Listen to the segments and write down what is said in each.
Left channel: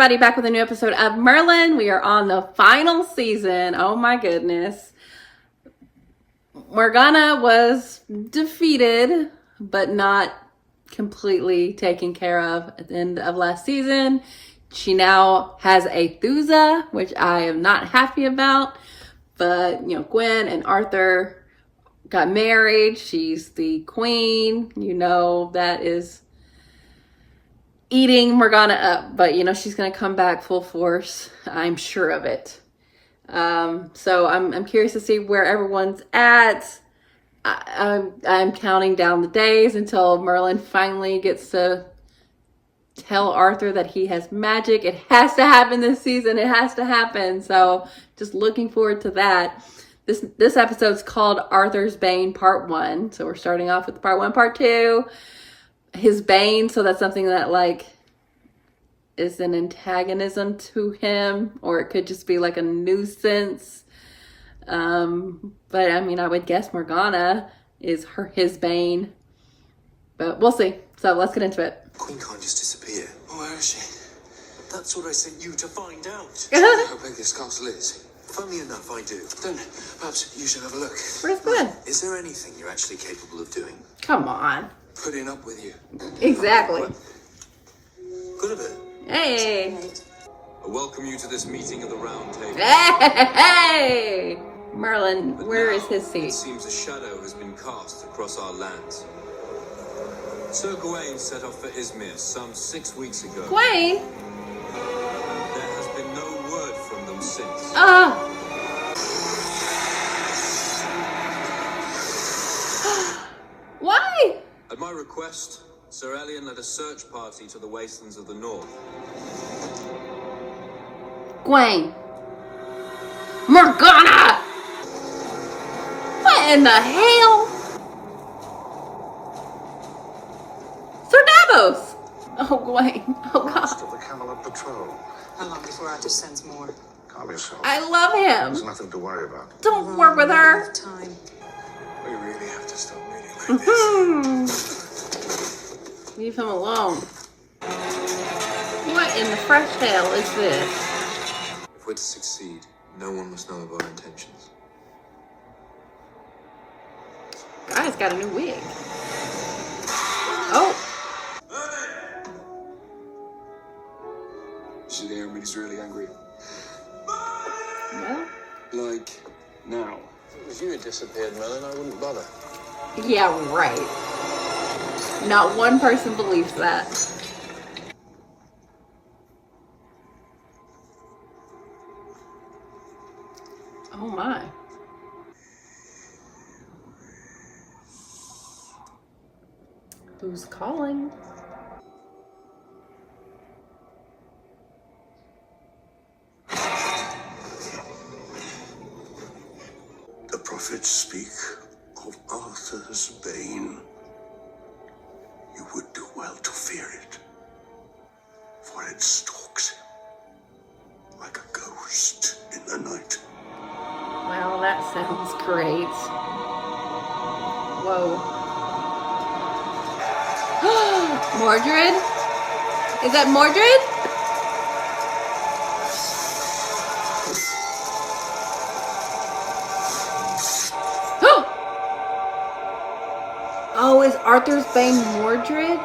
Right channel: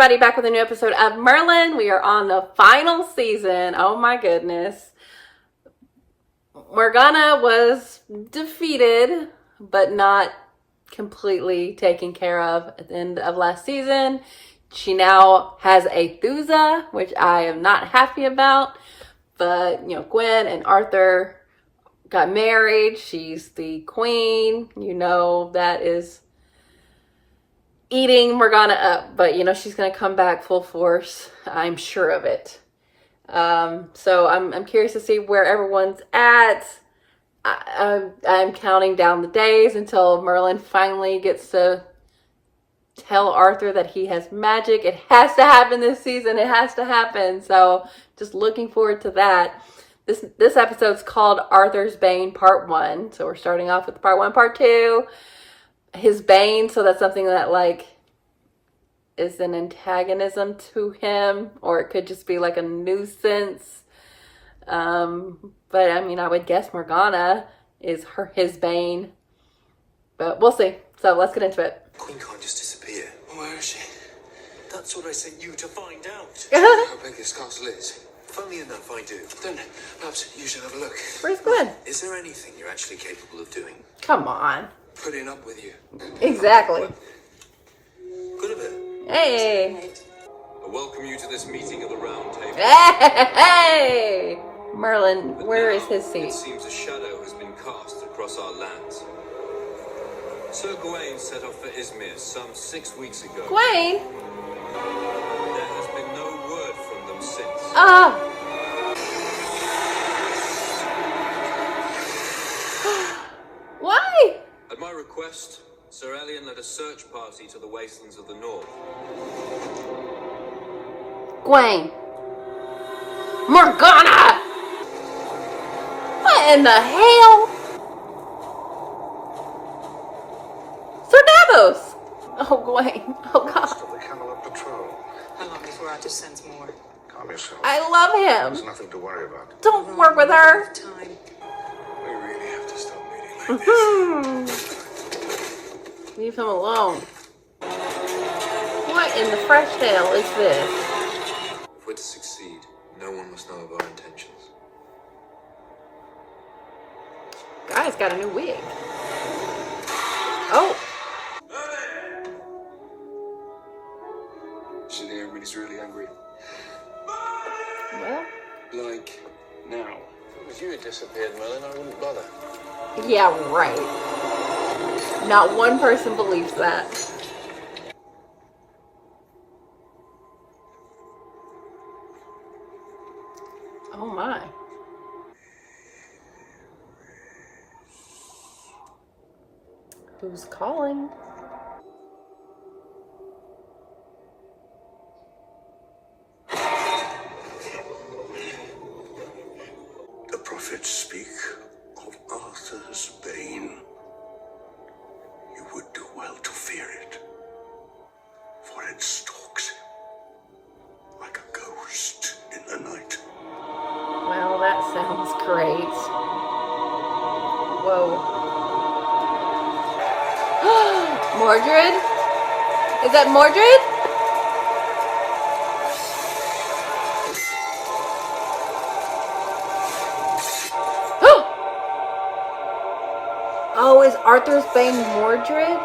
everybody, back with a new episode of Merlin. We are on the final season. Oh my goodness. Morgana was defeated, but not completely taken care of at the end of last season. She now has a Thuza, which I am not happy about. But, you know, Gwen and Arthur got married. She's the queen. You know, that is eating Morgana up, but you know she's gonna come back full force. I'm sure of it. So I'm curious to see where everyone's at. I'm counting down the days until Merlin finally gets to tell Arthur that he has magic. It has to happen this season. It has to happen. So just looking forward to that. This episode's called Arthur's Bane Part 1. So we're starting off with Part 1, Part 2. His Bane, so that's something that like is an antagonism to him, or it could just be like a nuisance. But I mean, I would guess Morgana is his Bane, but we'll see. So let's get into it. Queen can't just disappear. Where is she? That's what I sent you to find out. Do you know how big this castle is? Funny enough, I do. Then perhaps you should have a look. Where's Gwen? Is there anything you're actually capable of doing? Come on. Putting up with you. Exactly. Good of it. Hey. I welcome you to this meeting of the Round Table. Hey. Merlin, But where now, is his seat? It seems a shadow has been cast across our lands. Sir Gawain set off for Izmir some 6 weeks ago. Gwen. There has been no word from them since. Why? At my request, Sir Elian led a search party to the wastelands of the north. Gwen. Morgana! What in the hell? Sir Davos! Oh, Gwen. Oh, God. Last of the Camelot Patrol. How long before Arthur sends more? Calm yourself. I love There's him. nothing to worry about. Don't work with her. Time. We really have to stop meeting like this. Leave him alone. What in the fresh hell is this? If we're to succeed, no one must know of our intentions. Guy's got a new wig. Oh. See, everybody's really angry. Well. Like now. If you had disappeared, Merlin, I wouldn't bother. Yeah, right. Not one person believes that. Oh my. Who's calling? The prophets speak of Arthur's Bane. You would do well to fear it, for it stalks him like a ghost in the night. Well, that sounds great. Whoa. Mordred? Is that Mordred? Oh, is Arthur's Bane Mordred?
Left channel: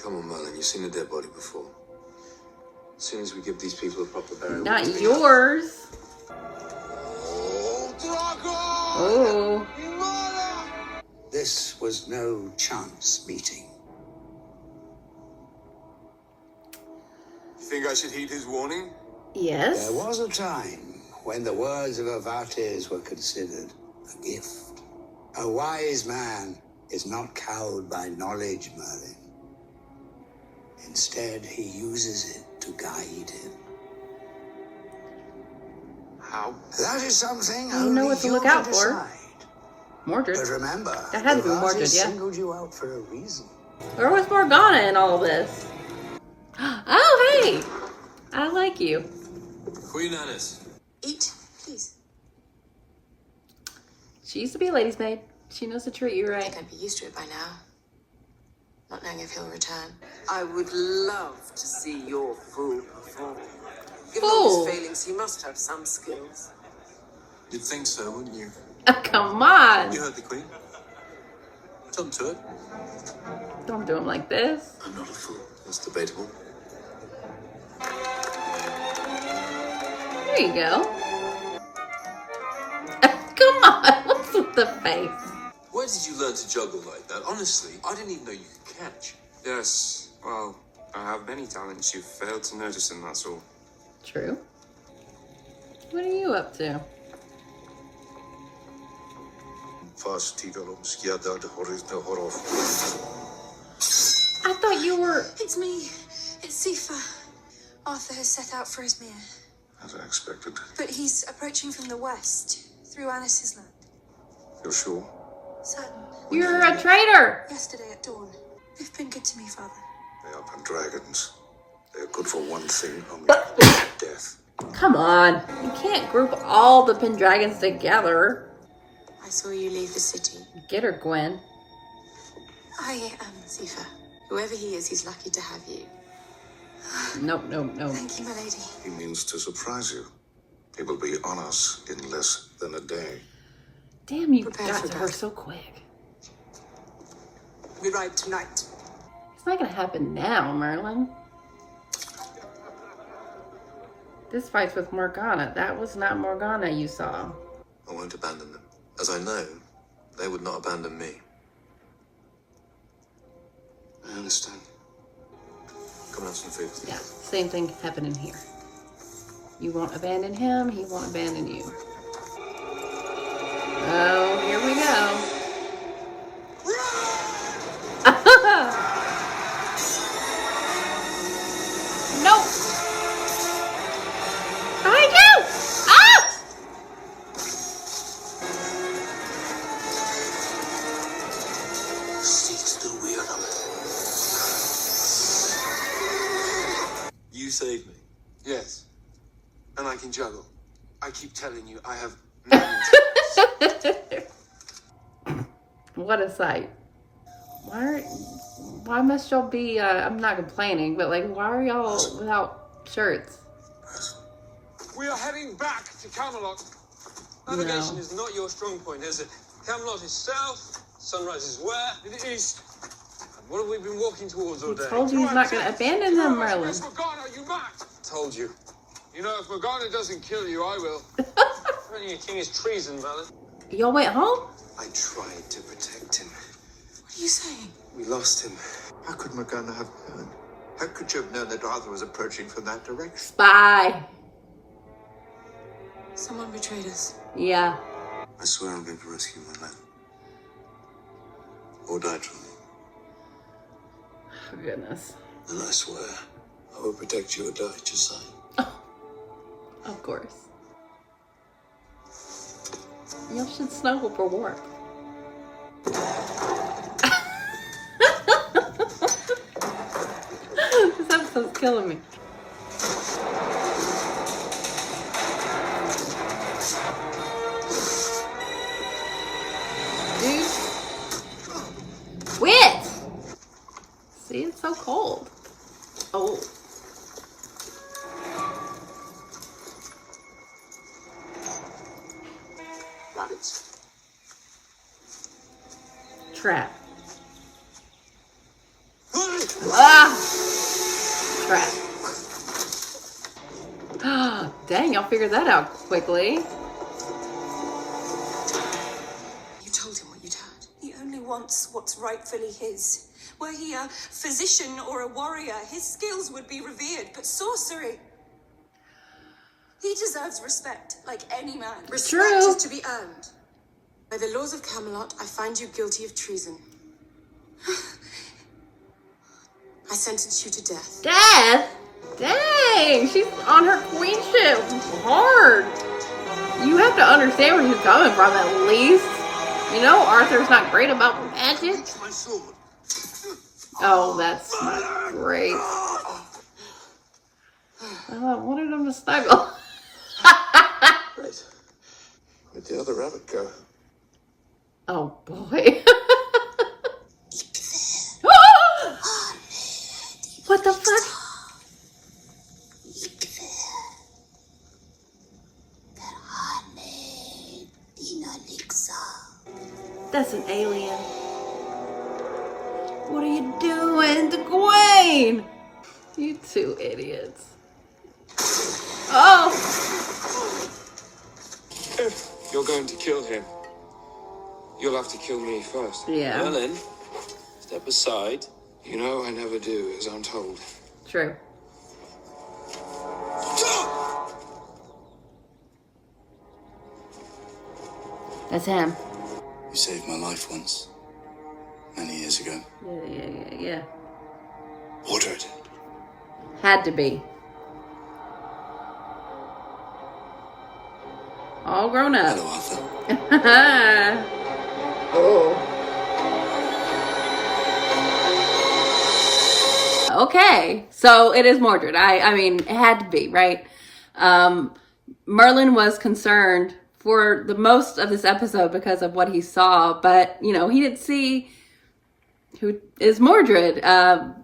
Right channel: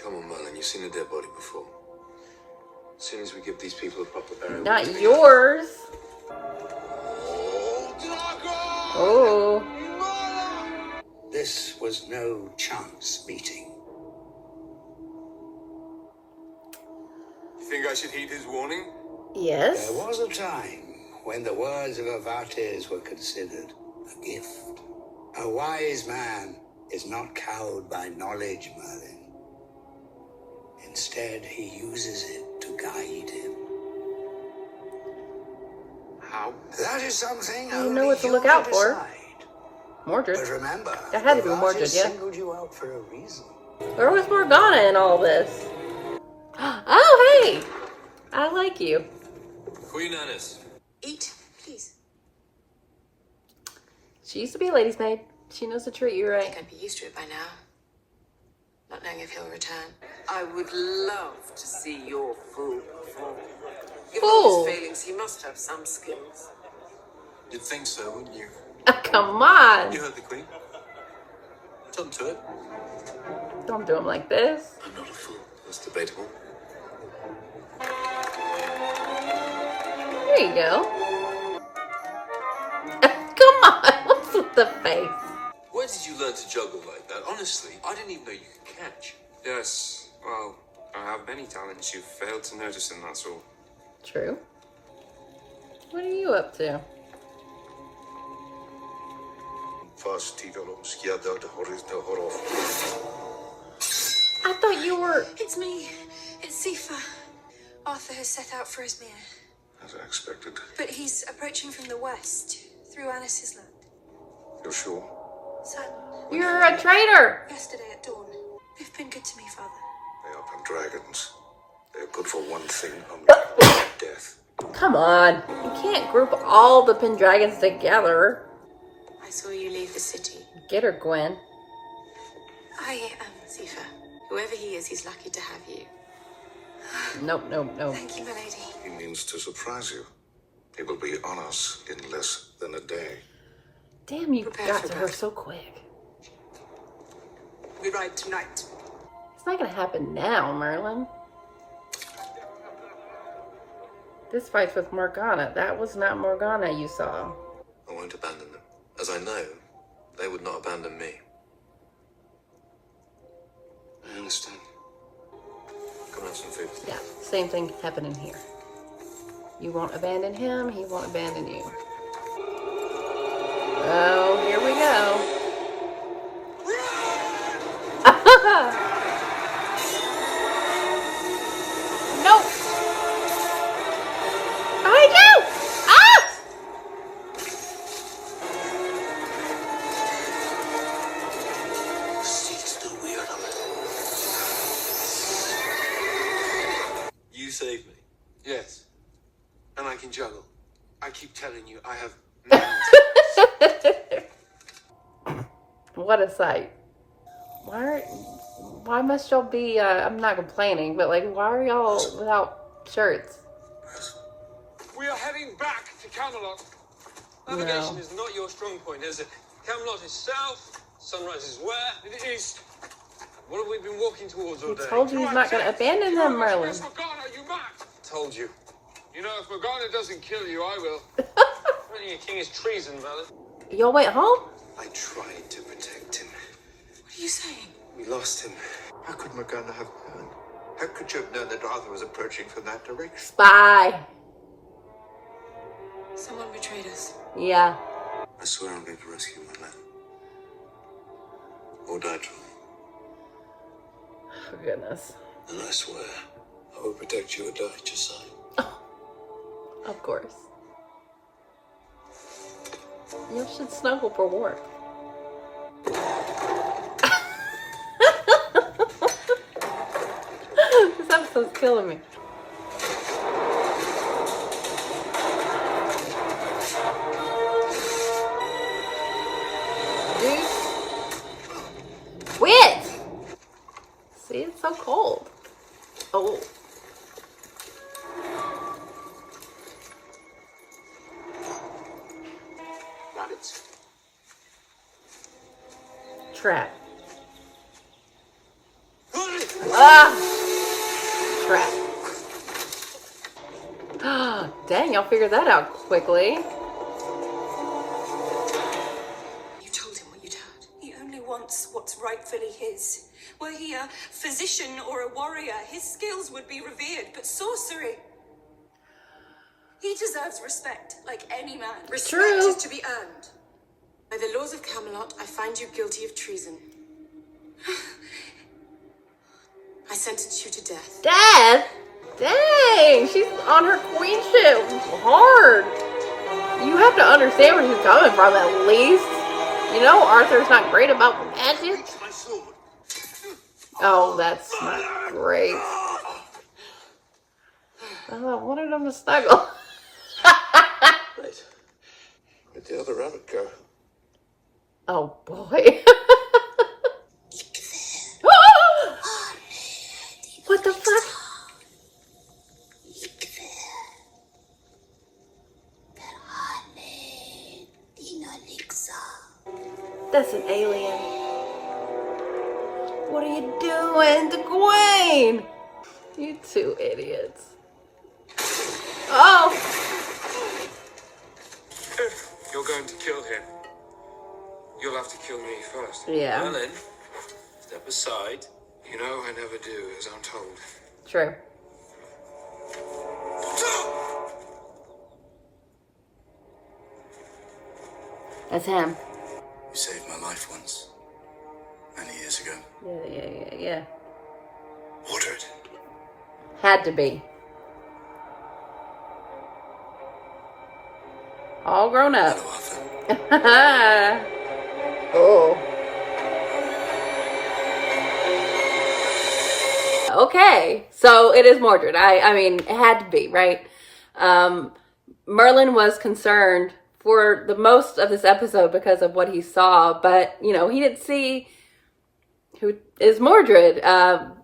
Come on, Merlin, you've seen a dead body before. As soon as we give these people a proper burial... Not yours. Oh. This was no chance meeting. You think I should heed his warning? Yes. There was a time when the words of Avates were considered a gift. A wise man is not cowed by knowledge, Merlin. Instead, he uses it to guide him. How? That is something You only know what to you look can out for. decide. Mordred. But remember, That had to be Avates Mordred, yeah. singled you out for a reason. Where was Morgana in all this? Oh, hey! I like you. Queen Annis. Eat, please. She used to be a lady's maid. She knows to treat you I right. think I'd be used to it by now. Not knowing if he'll return. I would love to see your full Given all fool. his failings, he must have some skills. You'd think so, wouldn't you? Come on. You heard the Queen. Come to it. Don't do him like this. I'm not a fool. That's debatable. There you go. Come on. What's with the face? Where did you learn to juggle like that? Honestly, I didn't even know you could catch. Yes, well, I have many talents you've failed to notice, and that's all. True. What are you up to? I thought you were... It's me. It's Sifa. Arthur has set out for Izmir, As I expected. but he's approaching from the west, through Anis's land. You're sure? Certain. You're a traitor. Yesterday at dawn. They've been good to me, Father. They are dragons. They're good for one thing, only death. Come on. You can't group all the Pendragons together. I saw you leave the city. Get her, Gwen. I am Sifa. Whoever he is, he's lucky to have you. Nope, nope, nope. Thank you, my lady. He means to surprise you. He will be on us in less than a day. Damn, you Prepare got for to her battle. so quick. We ride tonight. It's not gonna happen now, Merlin. This fight's with Morgana. That was not Morgana you saw. I won't abandon them. As I know, they would not abandon me. I understand. Come and have some food. Yeah, same thing happening here. You won't abandon him, he won't abandon you. Oh, here we go. Nope. I know. Ah! Seeks to wear them. You saved me. Yes. And I can juggle. I keep telling you, I have many What a sight. Why must y'all be, I'm not complaining, but like, why are y'all without shirts? We are heading back to Camelot. Navigation is not your strong point, is it? Camelot is south, sunrise is where? In the east. And what have we been walking towards all day? Told you he's not gonna abandon them, Merlin. Where's Morgana, you mad? Told you. You know, if Morgana doesn't kill you, I will. Running a king is treason, Merlin. Y'all went home? I tried to protect him. What are you saying? We lost him. How could Morgana have known? How could you have known that Arthur was approaching from that direction? Spy. Someone betrayed us. Yeah. I swear I'm going to rescue my men. Or die trying. For goodness. And I swear, I will protect you or die at your side. Of course. Y'all should snuggle for warmth. This episode's killing me. Dude. Quit! See, it's so cold. Oh. Rabbits. Trap. Ah! Trap. Ah, dang, y'all figured that out quickly. You told him what you'd heard. He only wants what's rightfully his. Were he a physician or a warrior, his skills would be revered, but sorcery... He deserves respect, like any man. Respect True. is to be earned. By the laws of Camelot, I find you guilty of treason. I sentence you to death. Death? Dang, she's on her queenship hard. You have to understand where she's coming from, at least. You know, Arthur's not great about magic. My sword. Oh, that's not great. I wanted him to snuggle. Right. Where'd the other rabbit go? Oh, boy. What the fuck? That's an alien. What are you doing to Gwen? You two idiots. Oh! If you're going to kill him, you'll have to kill me first. Yeah. Merlin, step aside. You know I never do as I'm told. True. That's him. You saved my life once, many years ago. Yeah. Ordered. Had to be. All grown up. Hello, Arthur. Oh. Okay, so it is Mordred. I mean, it had to be, right? Merlin was concerned for the most of this episode because of what he saw, but, you know, he didn't see who is Mordred.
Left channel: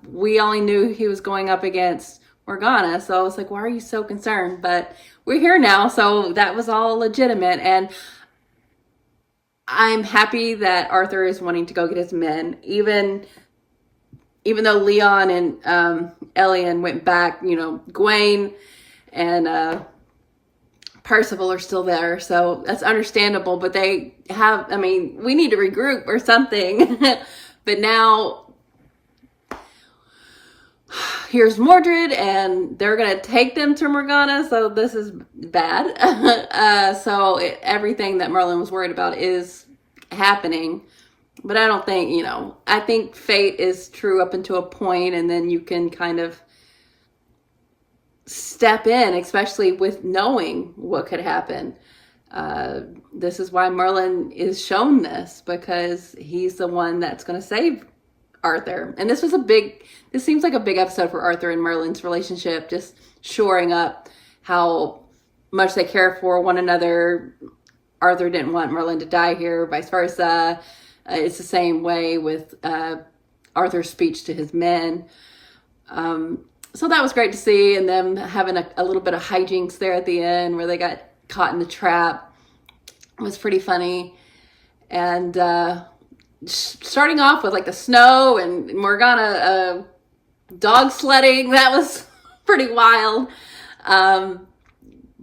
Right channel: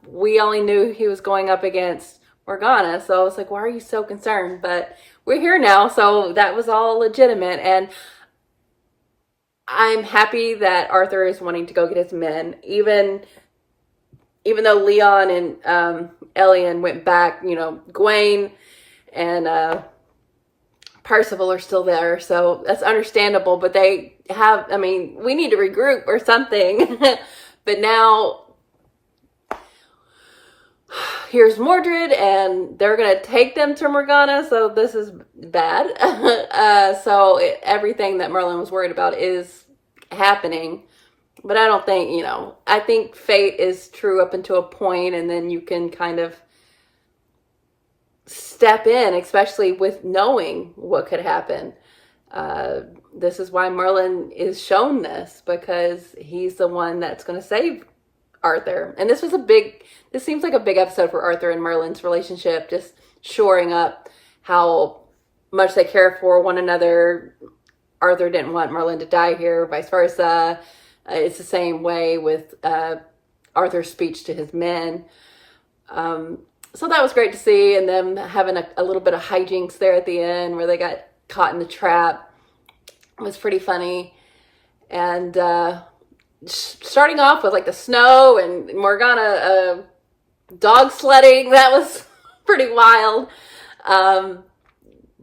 We only knew he was going up against Morgana, so I was like, why are you so concerned? But we're here now, so that was all legitimate, and I'm happy that Arthur is wanting to go get his men, even though Leon and Elian went back. You know, Gawain and Percival are still there, so that's understandable, but they have, I mean, we need to regroup or something. But now here's Mordred, and they're gonna take them to Morgana, so this is bad. Everything that Merlin was worried about is happening, but I don't think, you know, I think fate is true up until a point, and then you can kind of step in, especially with knowing what could happen. This is why Merlin is shown this, because he's the one that's going to save Arthur. And this seems like a big episode for Arthur and Merlin's relationship, just shoring up how much they care for one another. Arthur didn't want Merlin to die here, vice versa. It's the same way with Arthur's speech to his men. So that was great to see, and them having a little bit of hijinks there at the end where they got caught in the trap. It was pretty funny. And starting off with like the snow and Morgana dog sledding, that was pretty wild.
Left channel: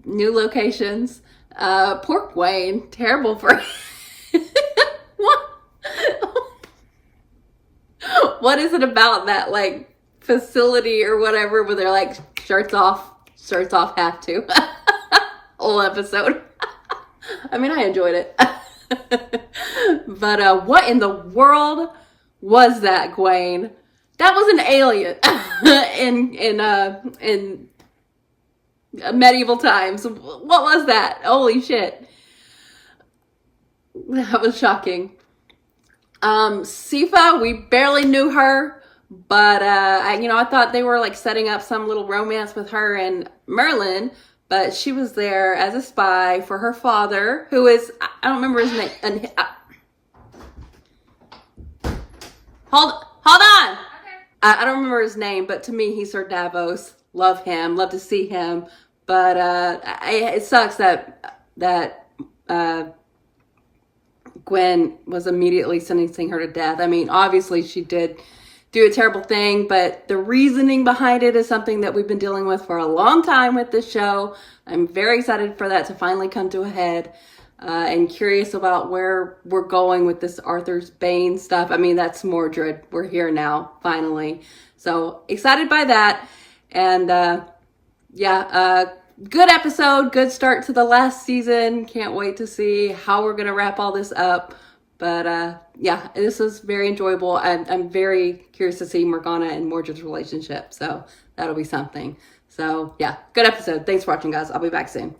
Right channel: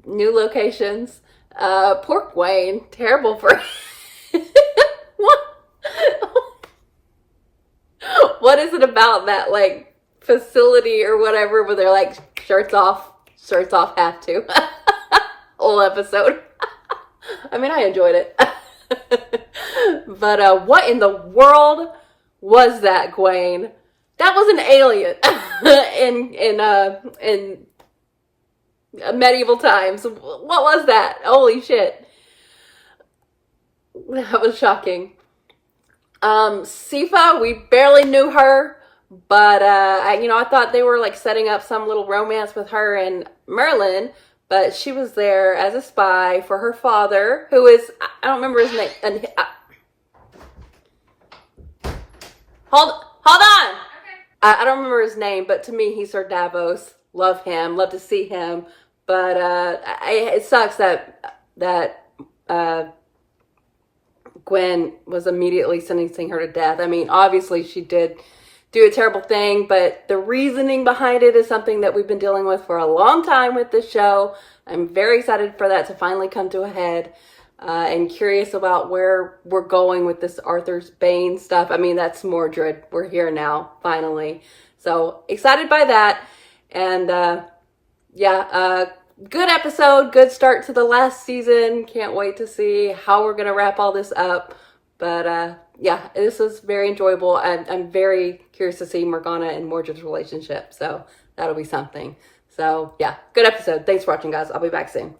New locations. Poor Gawain, terrible for what is it about that like facility or whatever where they're like shirts off have to whole episode. I mean, I enjoyed it. But what in the world was that, Gawain? That was an alien in medieval times. What was that? Holy shit. That was shocking. Sifa, we barely knew her, but I thought they were like setting up some little romance with her and Merlin, but she was there as a spy for her father, who is, I don't remember his name. Hold on. Okay. I don't remember his name, but to me, he's Sir Davos. Love him. Love to see him. But it sucks that Gwen was immediately sentencing her to death. I mean, obviously she did do a terrible thing, but the reasoning behind it is something that we've been dealing with for a long time with this show. I'm very excited for that to finally come to a head, and curious about where we're going with this Arthur's Bane stuff. I mean, that's Mordred. We're here now, finally. So excited by that. And good episode, good start to the last season. Can't wait to see how we're going to wrap all this up. But this was very enjoyable. I'm very curious to see Morgana and Mordred's relationship. So that'll be something. So yeah, good episode. Thanks for watching, guys. I'll be back soon.